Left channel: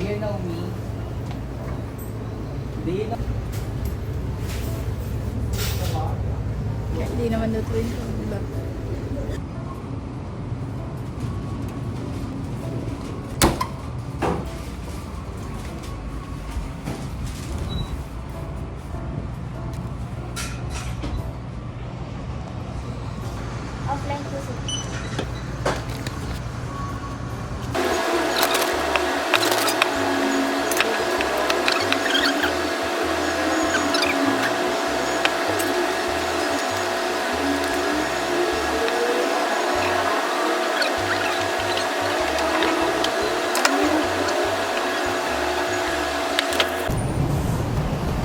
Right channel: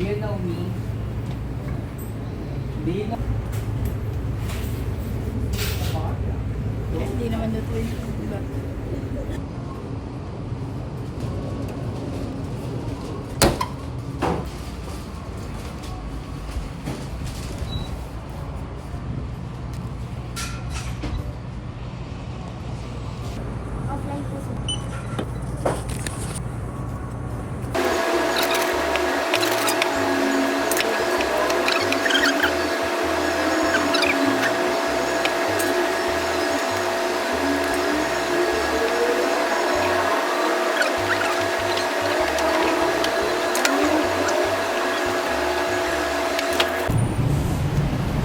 you know me? Do you know? Hindi naman na ito. Offline po sir.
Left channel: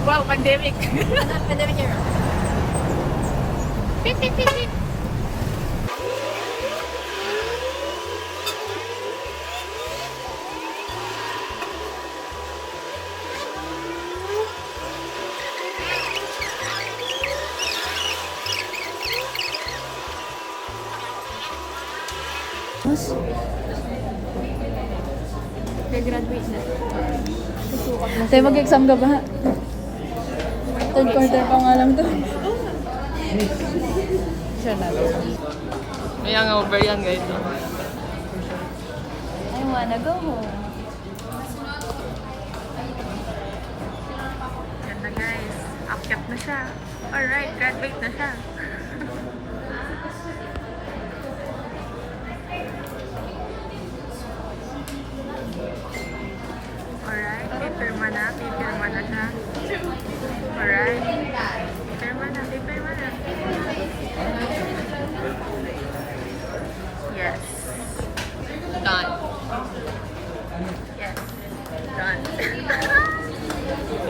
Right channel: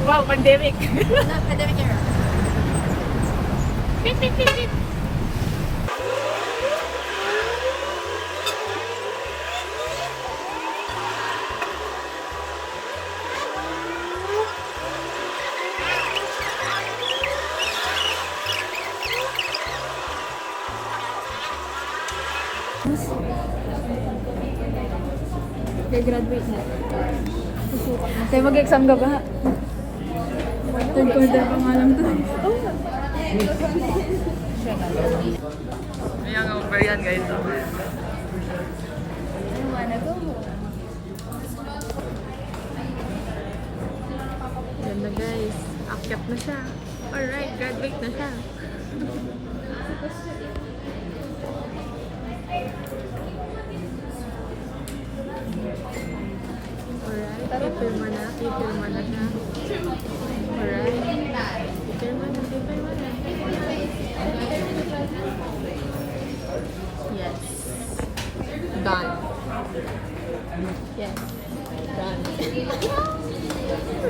Wow, pandemic. Pandemic era. Beep, beep, beep, beep. Graduate na. Tayo mag-exam ka ba? Encounter pa nga lang doon. May hangover yan guys. I wanna go home. Ganda guys. Akyat na siya. Alright, graduate na siya. Alright, pipirma na siya. Alright. Pipirma na. Yes. Done. Yes. Done.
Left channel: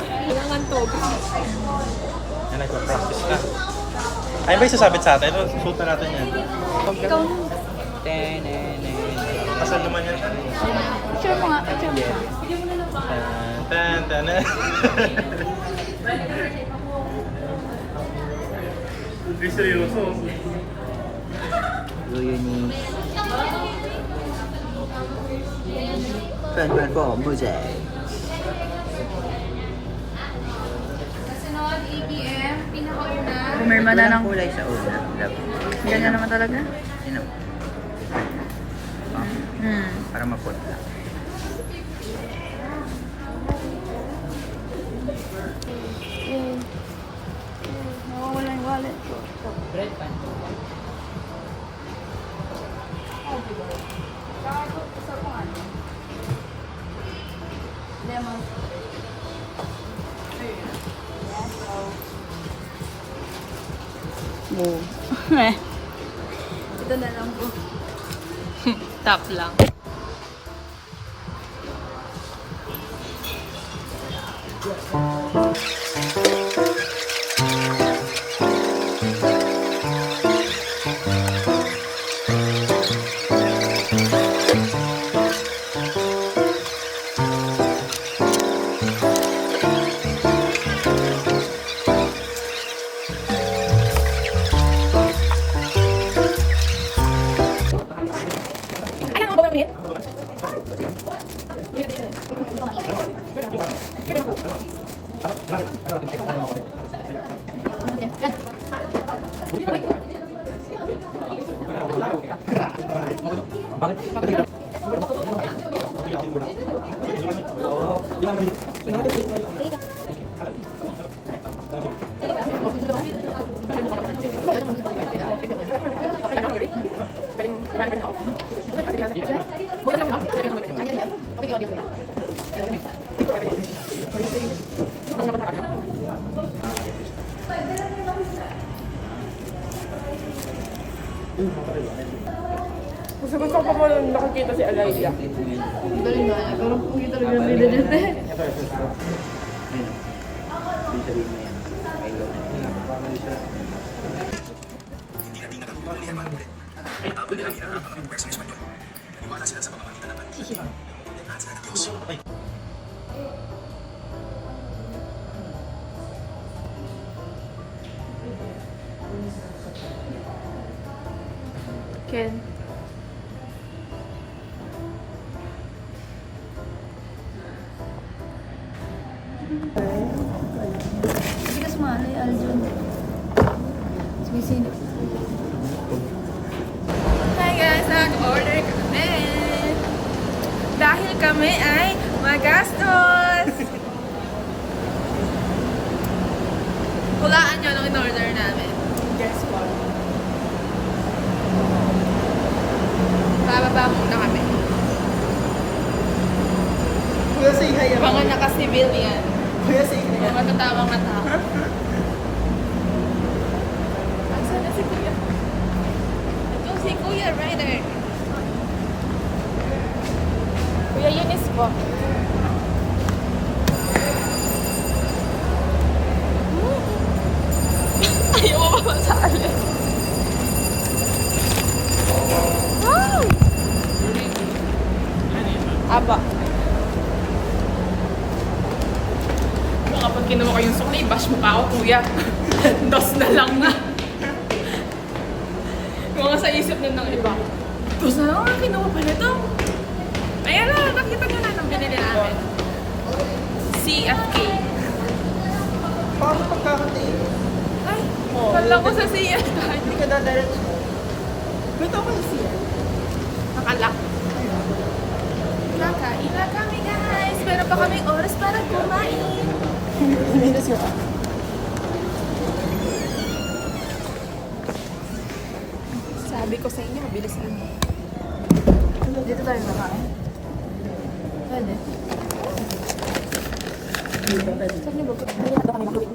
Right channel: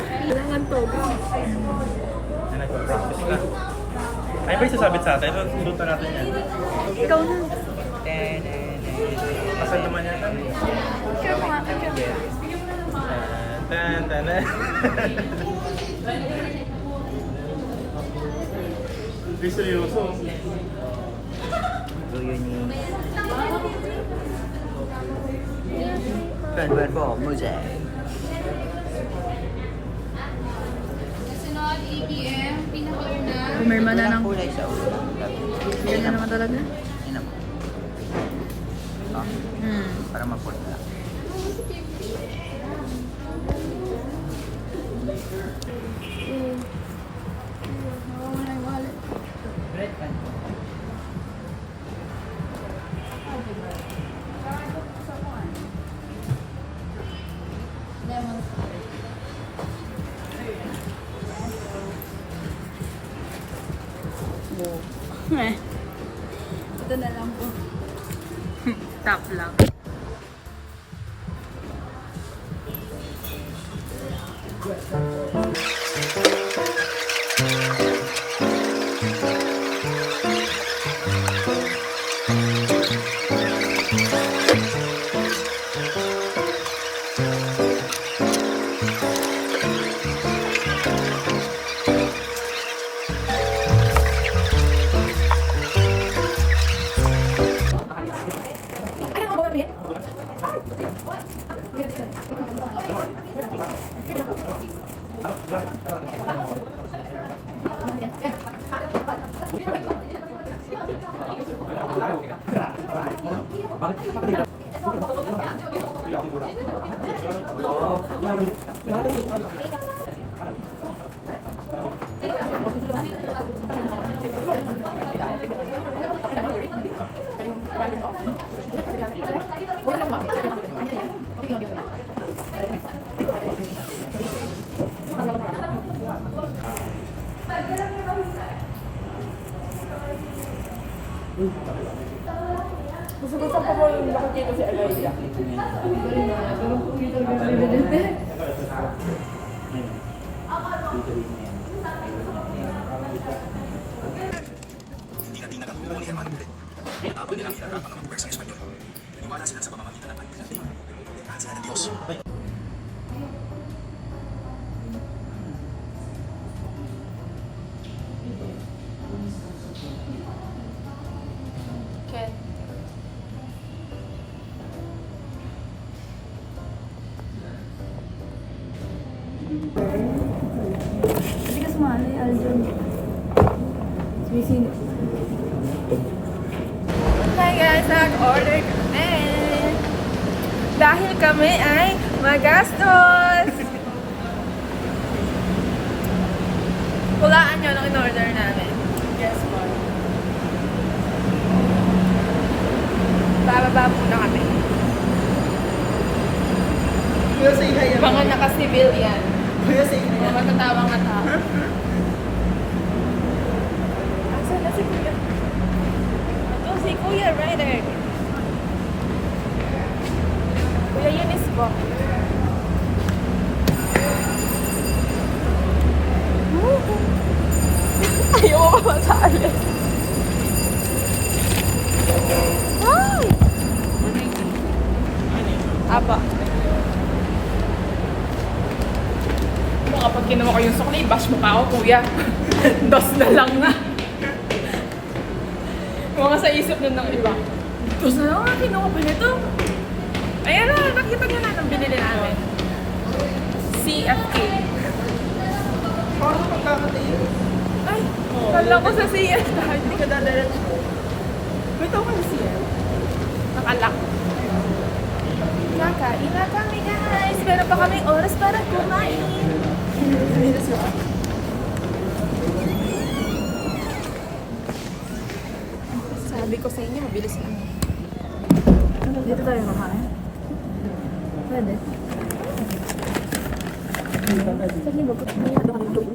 Kailangan to. Na nagpa-practice ka. Ay, ba yung sasabit sa atin? Suot na natin yan. Ikaw na. Asan naman yan? Sure mo nga. Tan, tan, tan. Ay, seryoso. Do you need? Friend po, muje. Kasunod, ATM, pinakauna. Pumirma na ng... Kulay sa ulam. Ganyan naman talaga. Sino? Para mapot. Nawawala yung wallet. Bread pan po. Lemon. Ito na lang po. Tap lang. Gusto ko pa nakikita si Alaya. Galing na. Parang hindi talaga nila dyan. Ken. Hindi ka sumali, Aljon. Sumisino. Hi guys, nag-order kami. Dahil kami ay magastos. Hulaan nyo nung in-order namin. Yes, ma'am. Bababa muna kami. Mga naka-civilian. Mga matatawang mata. Asan na si Kuya? Ito si Kuya Ryder. Kuya Yunis po. Ayaw mo pa masali. Hi! Aba. Kapag kinuha ko yung sukli, bash mo pa ako, kuya. Das na lang nga. Mga sa isip nun ng iba. Das na lang nga, kinuha pa nito. Ayan na, nakita nyo na nang binili namin. CFK. Parang magkakatayin. Ay, kala ko sa CF tayo. May tao kayo siya. Nakalak. Kakain na kami guys. Meron pa kami oras para kumain. Hinihilis niya. Sabi ko sa inyo, bilisan. Dito tayo makain. Pwede. Saglit ba? Hindi na kami magtuwing.